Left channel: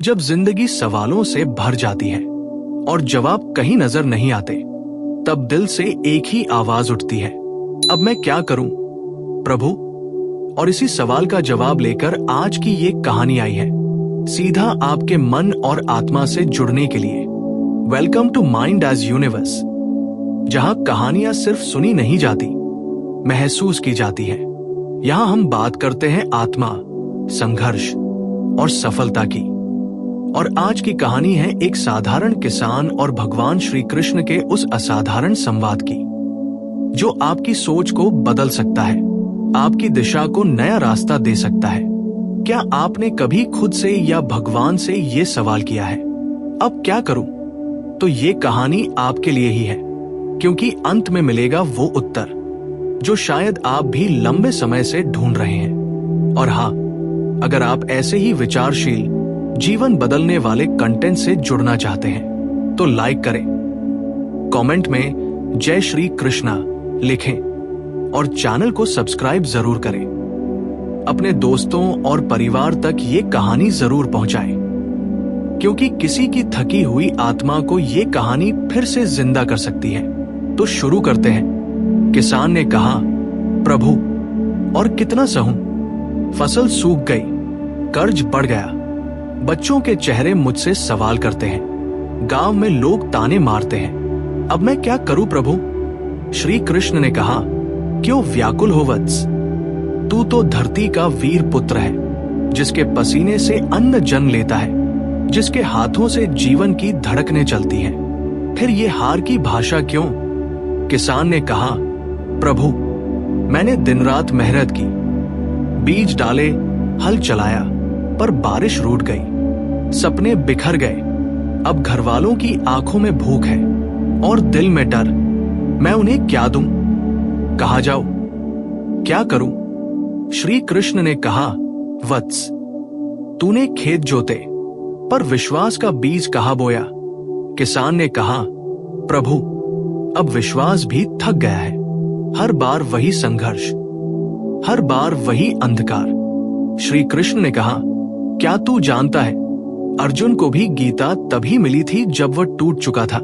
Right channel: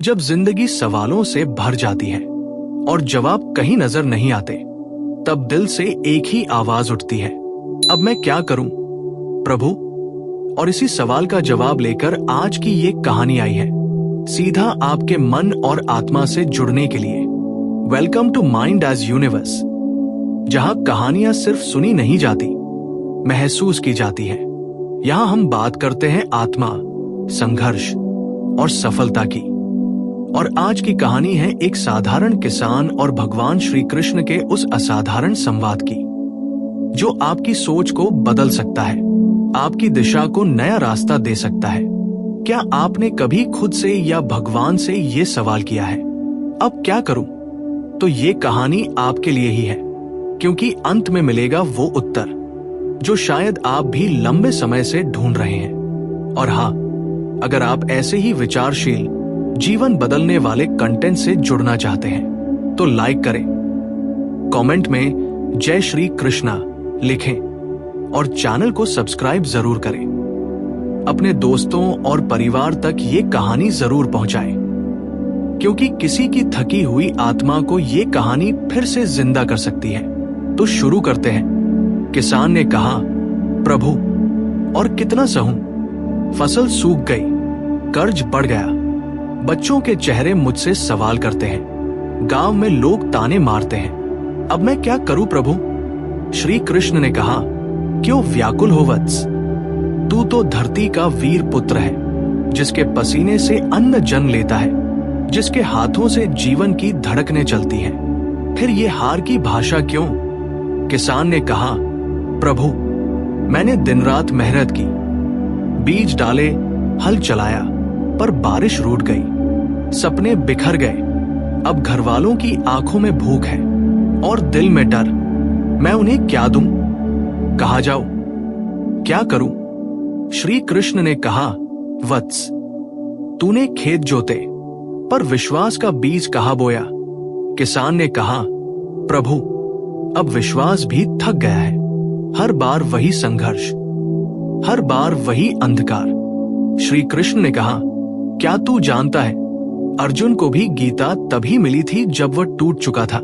जब जिंदगी सवालों से भर जाती है और जवाब कहीं नजर नहीं आते, तब दिल से एक ही आवाज उठती है, अब मैं क्या करूं प्रभु। और इसी सवाल का जवाब लेकर आज की ये कहानी आई है, सीधा आपके मन और आत्मा से जुड़ने के लिए। Welcome to mind age universe, जहां कहानियां सिर्फ सुनी नहीं जाती, महसूस की जाती है। यहां हम बात करते हैं आत्मा, संघर्ष और सफलता की। और आज की कहानी है एक साधारण किसान और भगवान श्री कृष्ण के उस असाधारण संवाद की, जो आपकी सोच को बदल सकता है, आपकी दिशा को नया रास्ता दे सकता है। क्या आपने कभी खुद से या भगवान से ये सवाल किया है, अब क्या करूं? तो ये कहानी आपके लिए ही है, क्योंकि अंत में मिलेगा वो उत्तर जो शायद आप भी लंबे समय से ढूंढ रहे हैं। और हाँ, अगर आप ऐसे ही विचारशील, जीवन बदलने वाले कंटेंट से जुड़ना चाहते हैं तो लाइक करें, कमेंट में जय श्री कृष्णा लिखें और चैनल को सब्सक्राइब जरूर करें। अपने दोस्तों और परिवार तक ये कहानी जरूर पहुंचाएं, क्योंकि किसी की थकी हुई आत्मा को ये कहानी फिर से जिंदा कर सकती है। तो शुरू करते हैं। किसान ने कहा, प्रभु और कितना सहूं, फसल सूख गई, कर्ज बढ़ गया, बच्चों के चेहरे मुझसे सवाल करते हैं, गांव में लोग ताने मारते हैं, अब मैं क्या करूं प्रभु? श्री कृष्ण ने कहा, क्यों व्याकुल हो वत्स, तू तो धरती का वीर पुत्र है, जिसके पसीने से अन्न जन्म लेता है, जिसके हाथों से जीवन की धड़कनें चलती हैं। फिर ये हार की भाषा क्यों? किसान ने कहा, प्रभु मैंने दिन रात मेहनत की, बीज डाले, हल चलाया, पर बारिश रूठ गई, सपने बिखर गए, अब घरवालों की आंखों में भूख है और दिल में डर, मैं उन्हें क्या दूं? कहाँ जाऊं? क्या करूं? श्री कृष्ण ने कहा, वत्स तूने खेत जोते, पर विश्वास का बीज कहाँ बोया? किसान ने कहा, प्रभु अब विश्वास भी थक गया है, हर बार वही संघर्ष, हर बार वही अंधकार। श्री कृष्ण ने कहा, क्या तू जानता है, अर्जुन को भी गीता तभी मिली थी जब वह टूट चुका था,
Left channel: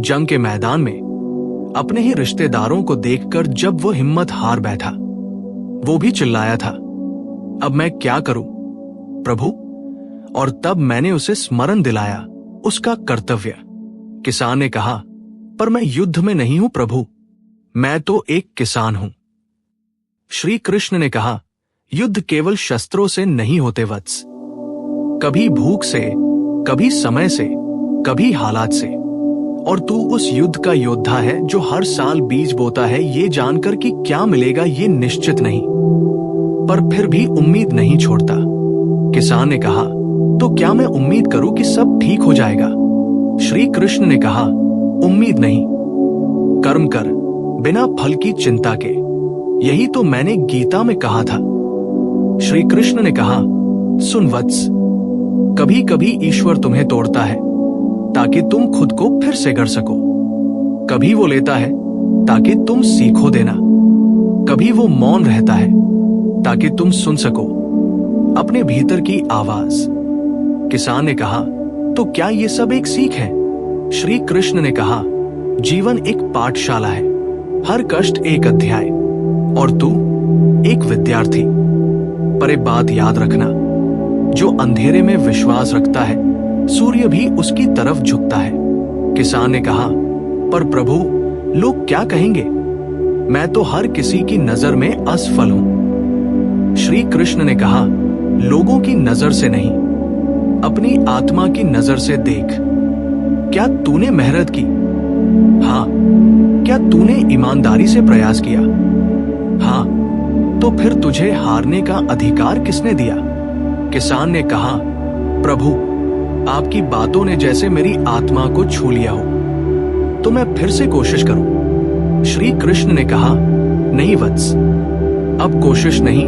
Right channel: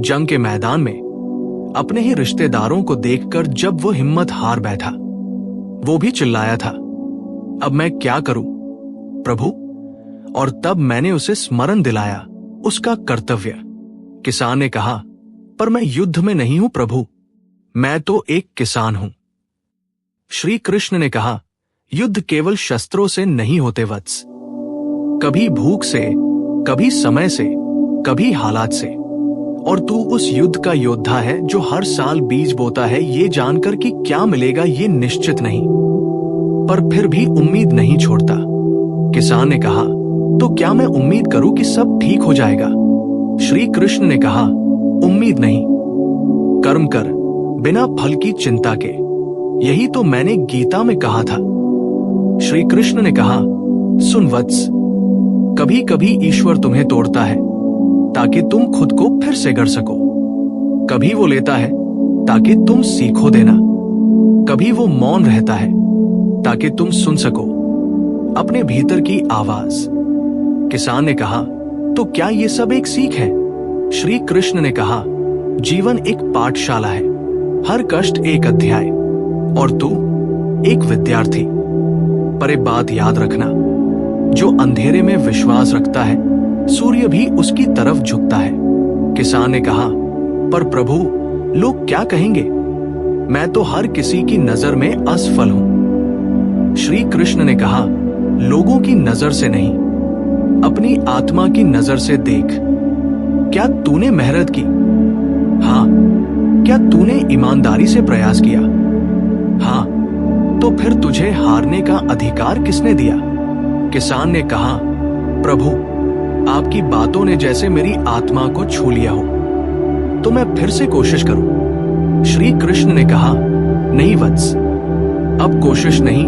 जंग के मैदान में अपने ही रिश्तेदारों को देखकर जब वो हिम्मत हार बैठा, वो भी चिल्लाया था, अब मैं क्या करूं प्रभु? और तब मैंने उसे स्मरण दिलाया उसका कर्तव्य। किसान ने कहा, पर मैं युद्ध में नहीं हूं प्रभु, मैं तो एक किसान हूं। श्री कृष्ण ने कहा, युद्ध केवल शस्त्रों से नहीं होते वत्स, कभी भूख से, कभी समय से, कभी हालात से। और तू उस युद्ध का योद्धा है जो हर साल बीज बोता है, ये जानकर कि क्या मिलेगा ये निश्चित नहीं, पर फिर भी उम्मीद नहीं छोड़ता। किसान ने कहा, तो क्या मैं उम्मीद करूं कि सब ठीक हो जाएगा? श्री कृष्ण ने कहा, उम्मीद नहीं, कर्म कर बिना फल की चिंता के, यही तो मैंने गीता में कहा था। श्री कृष्ण ने कहा, सुन वत्स, कभी कभी ईश्वर तुम्हें तोड़ता है ताकि तुम खुद को फिर से गढ़ सको, कभी वो लेता है ताकि तुम सीखो देना, कभी वो मौन रहता है ताकि तुम सुन सको अपने भीतर की आवाज। किसान ने कहा, तो क्या ये सब एक सीख है? श्री कृष्ण ने कहा, जीवन एक पाठशाला है, हर कष्ट एक अध्याय, और तू एक विद्यार्थी। पर एक बात याद रखना, जो अंधेरे में विश्वास रखता है, सूर्य भी उसकी तरफ झुकता है। किसान ने कहा, पर प्रभु लोग क्या कहेंगे? मैं तो हर किसी की नजर में असफल हूं। श्री कृष्ण ने कहा, लोगों की नजर से नहीं, अपनी आत्मा की नजर से देख। क्या तूने मेहनत की? हाँ। क्या तूने ईमानदारी से प्रयास किया? हाँ। तो फिर तुझे हारने का अधिकार किसने दिया? किसान ने कहा, प्रभु आपकी बातों ने जैसे मेरी आत्मा को छू लिया हो, तो मैं फिर से कोशिश करूं। श्री कृष्ण ने कहा, नहीं वत्स, अब कोशिश नहीं,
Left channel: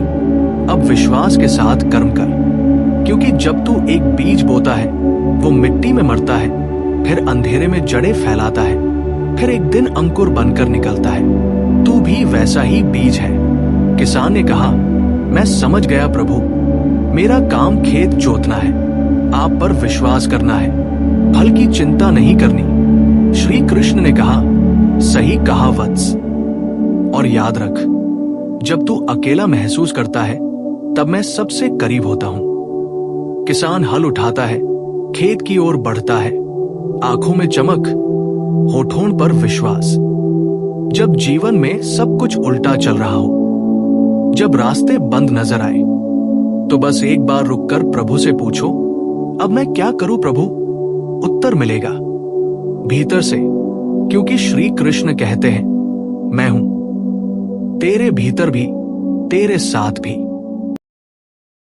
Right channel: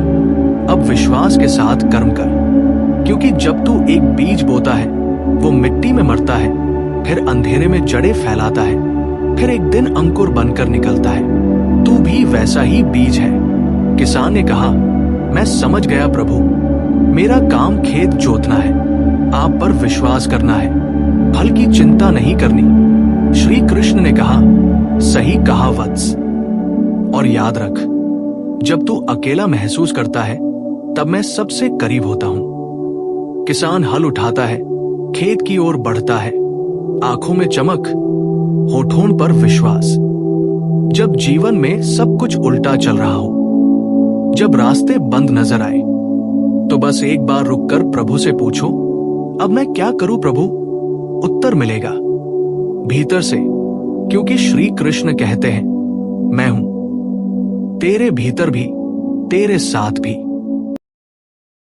अब विश्वास के साथ कर्म कर, क्योंकि जब तू एक बीज बोता है, वो मिट्टी में मरता है, फिर अंधेरे में जड़ें फैलाता है, फिर एक दिन अंकुर बनकर निकलता है। तू भी वैसा ही बीज है। किसान ने कहा, मैं समझ गया प्रभु, मेरा काम खेत जोतना है, आप पर विश्वास करना है, फल की चिंता नहीं करनी। श्री कृष्ण ने कहा, सही कहा वत्स। और याद रख, जब तू अकेला महसूस करता है तब मैं सबसे करीब होता हूं। किसान हल उठाता है, खेत की ओर बढ़ता है, आंखों में चमक, होठों पर विश्वास। जब जीवन में सब कुछ उल्टा चल रहा हो, जब रास्ते बंद नजर आए, तो बस एक बार रुककर प्रभु से पूछो, अब मैं क्या करूं प्रभु? उत्तर मिलेगा भीतर से, क्योंकि श्री कृष्ण कहते हैं, मैं हूं तेरे भीतर भी, तेरे साथ भी।